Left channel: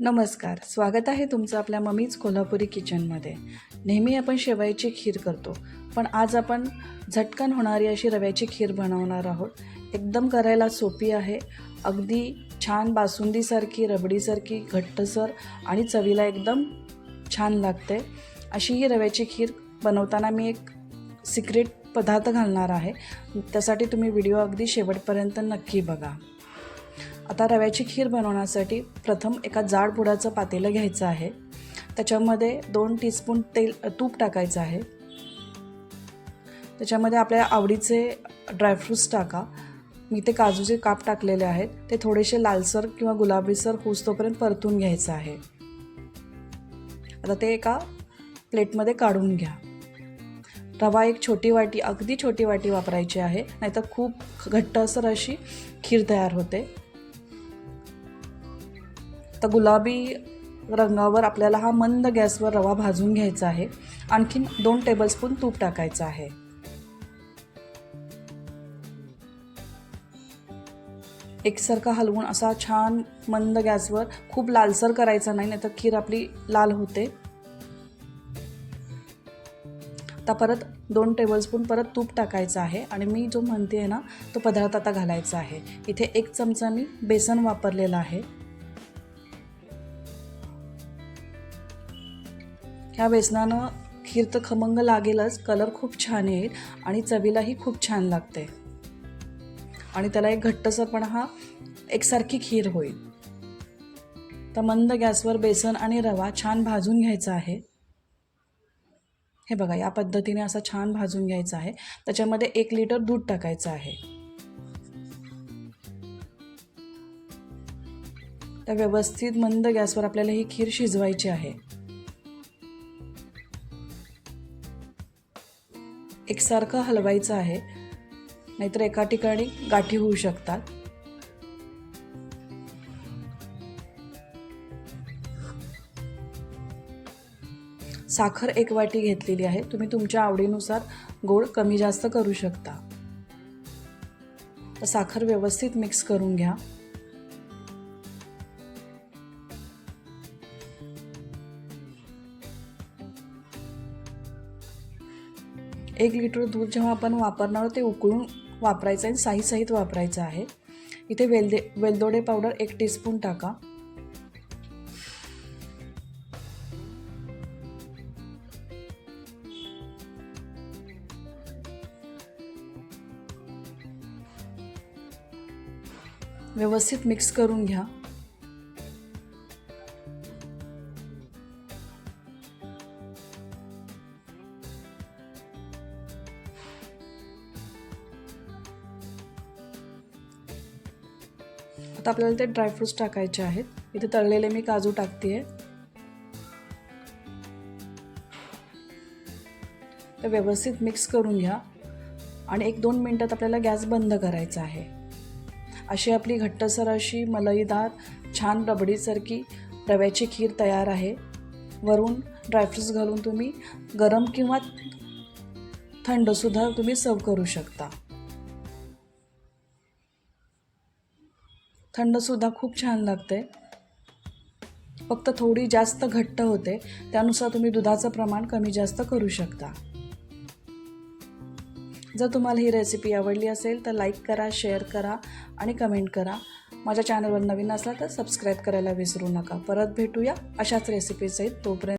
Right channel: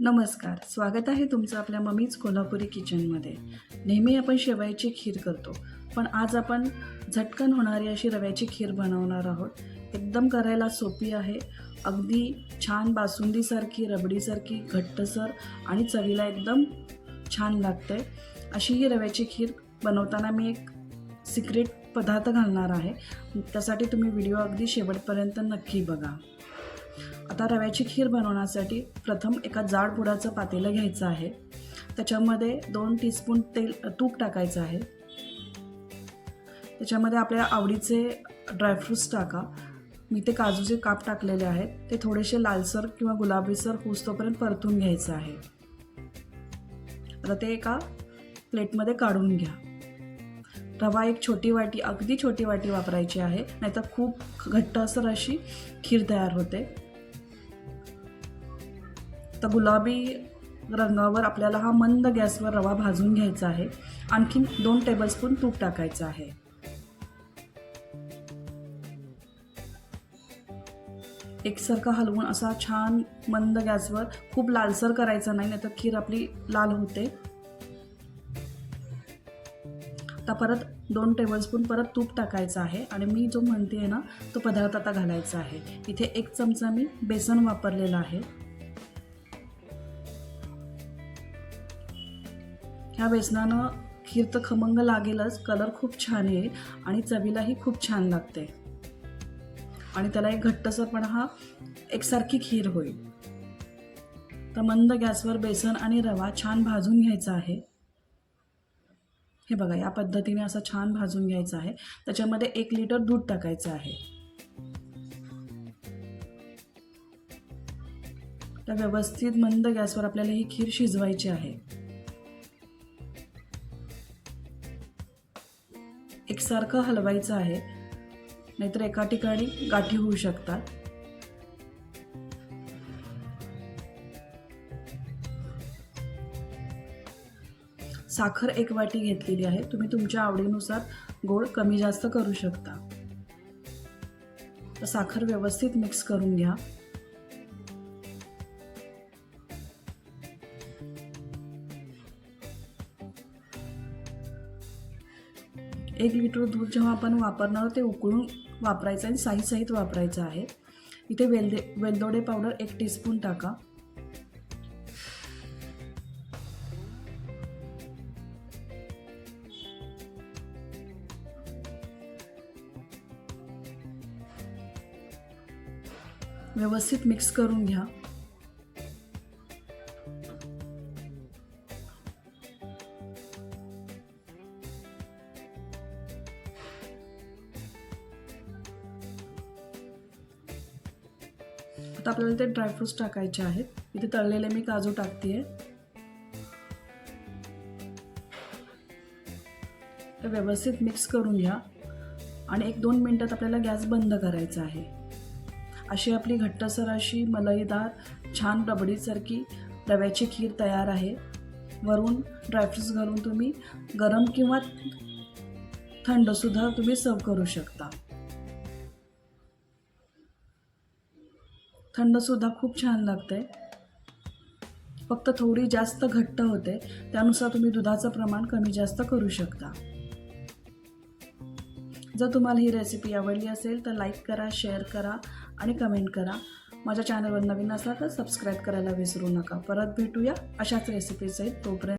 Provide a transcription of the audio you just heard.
नमस्कार स्वागत आहे तुमचं आपल्या मम्मीज कोल्हापुरी किचनमध्ये. नेहमी आपण शेवयाची खीर करतो पण आज आपण झटकन होणारी अशी रव्याची खीर बनवणार आहोत. एकदम करायला सोपी आहे अगदी छान बासुंदीसारखी रबडीसारखी घट्टसर आणि चवीला एकदम छान लागते. अशी ही रव्याची खीर बनवताना मी एक सिक्रेट पदार्थ घालणार आहे. त्यासाठी तुम्ही व्हिडिओ अगदी शेवटपर्यंत नक्की बघा. आता रव्याची खीर बनवण्यासाठी प्रथम एका जाड बुडाचं पातेलं घ्यायचं आहे. त्याच्यामध्ये दोन टीस्पून तेल तूप टाकायचं आहे. त्याच्यामध्ये आपल्या आवडीचे ड्रायफ्रूट्स टाका. मी ते काजूचे काप टाकलेले आहेत. ते थोडेसे लालसर किंवा गुलाबीसर होऊस्तोपर्यंत परतून घ्यायचं आहे. आता ते एका प्लेटमध्ये काढून घ्या. रवा एक छोटी वाटी अगदी छोटी वाटी वापरायची आहे. नाहीतर खूप घट्टसर अशी खीर तयार होते. तर गुलाबी रंगावर आपल्याला हा मंद गॅसवर रवा भाजून घ्यायचा आहे. आणखीन दोन टेबलस्पून तूप टाकायचं आहे. एकसारखा हलवून असा छान मंद गॅसवर खूप लालसर करायचा नाही नाहीतर खीर आपली लाल होते. आता परत दोन टेबलस्पून परत तूप टाकायचं आहे आणि मी जो म्हणते आहे ना तो पदार्थ आता घालायचा आहे. इथे एक चमचा मी बेसन वापरलेला आहे. ह्या बेसनानं खीर तर खमंग लागेलच कलर खूप छान येईल आणि चवीलाही खूप छान लागते. आणि त्याला एक घट्टसरपणा हा एकसारखी खीर होईल. तर मंद गॅसवर बेसन आणि रवा छान भाजून घ्यायचा आहे. हे बघा या पद्धतीने असं छान भाजून घ्यायचं आहे. त्याच्यामध्ये एक लिटर दूध टाकायचं आहे. तर व्यवस्थित मंद गॅसवर आपल्याला ही खीर शिजवायची आहे. एकसारखं हलवायचं आहे. नाहीतर एका ठिकाणी गाठी होऊ शकतात. साखर एक वाटी घेतलेली आहे. तुम्ही तुमच्या आवडीनुसार गोड कमी जास्त करू शकता. साखर व्यवस्थित मिक्स करून घ्या. एक लिटर दूध जेव्हा आपण वापरणार ते उकळून वापरायचं आहे साई सहित वापरायचं आहे. इथे वेलदे वेलदोडे पावडर एक टीस्पून टाका. व्यवस्थित मिक्स करून घ्या. आता आपल्याला ते ड्रायफ्रूट्स टाकायचे आहेत. इथे तळलेले मी काजू टाकते ते व्यवस्थित मिक्स करून घ्या. आणि एक दोन मिनटात आपल्याला गॅस बंद करायचा आहे. अशी आपली घट्टसर अशी मलईदार छान रबडीसारखी रव्याची खीर तयार आहे. वरून ड्रायफ्रूट्स घालून तुम्ही गरम किंवा थंडसुद्धा तुम्ही सर्व करू शकता. थंडसुद्धा खूप छान लागते फक्त थोडी जास्त घट्ट होते. त्यानुसार तुम्ही दुधाचं प्रमाण कमी जास्त करू शकता. जर तुम्हाला ही रेसिपी आवडली असेल तर लाईक करा शेअर करा आणि कमेंट करा. माझ्या चॅनलवर नवीन असला तर सबस्क्राईब करायला विसरू नका. परत भेटूया अशाच रेसिपीसहित तोपर्यंत.